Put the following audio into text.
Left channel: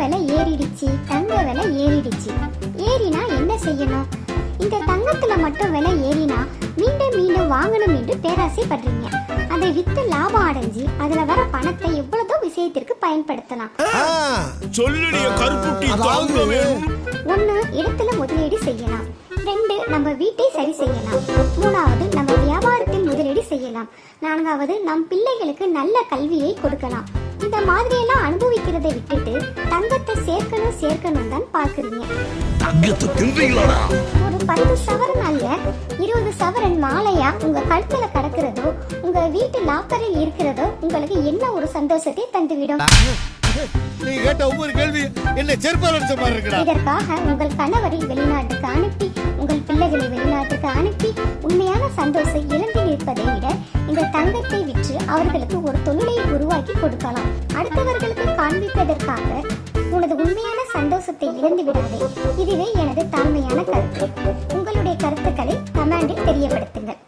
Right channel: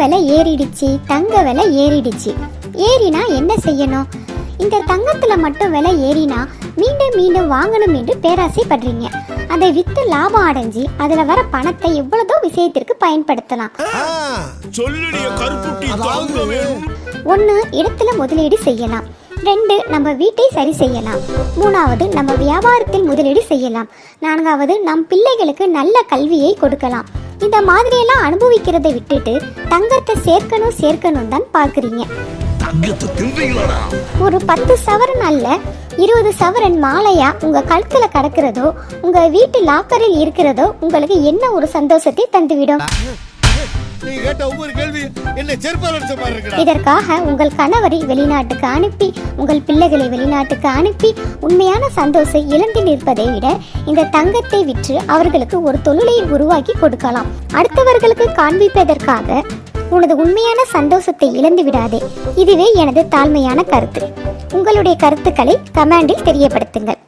விலை ஏறிடுச்சு தங்க விலை ஏறிடுச்சு. ஏறினா என்ன செய்யணும்? இந்த தங்கத்துல மட்டும் விலை ஏறினா மீண்டும் மீண்டும் வாங்கணும் என்று பேராசைப்படுறீங்க. அதை வித்து லாபம் அடைஞ்சு அதுல வர பணத்தை எவ்வளவோ விஷயத்திற்கு பயன்படுத்தலாம். ஒன்று இடத்துல முதலீடு செய்யலாம். ரெண்டு நம்ம வீட்டை சரி செய்யலாம். மூணாவது நம்ம வியாபாரத்தில் முதலீடு செய்யலாம். நான்காவது நம் பிள்ளைகளுக்கு நல்ல கல்வியை கொடுக்கலாம். இந்த மாதிரியெல்லாம் அனுபவிக்கிறதை விட்டுட்டு தங்கத்தை சேர்க்கணும் சேர்க்கணும் தான் பார்க்குறீங்க. ஒரு பத்து சவரன் அல்ல இருபது சவரன் மாலையா உங்க கழுத்துல கடக்கிறதோ உங்க வீட்டு லாக்கரில் இருக்கிறதோ உங்களுக்கு என்ன ஒரு சந்தோஷத்தை தந்துவிடும்? கேட்ட ஒவ்வொரு கேள்வி என்னை செருப்பால் அடிச்ச மாதிரி இதற்காக உங்கள் கணவரை வெளிநாட்டுக்கு அனுப்பி உங்கள் பிள்ளைகளை வெளிநாட்டுக்கு அனுப்பி உண்மையான சந்தோஷம் இழந்து நிற்பதை விட இந்த தங்கத்தை விற்று அவர்களுக்கு ஒரு தொழிலை உருவாக்கி கொடுக்கலாம். அடுத்தவர்களுக்கு காண்பிப்பதற்காக உனது உண்மையான சந்தோஷத்தை இழந்து விடாதே. இதுவே எனது தாழ்மையான கருத்து. உங்களுடைய கருத்துக்களை கமெண்டில் தெரியப்படுத்துங்கள்.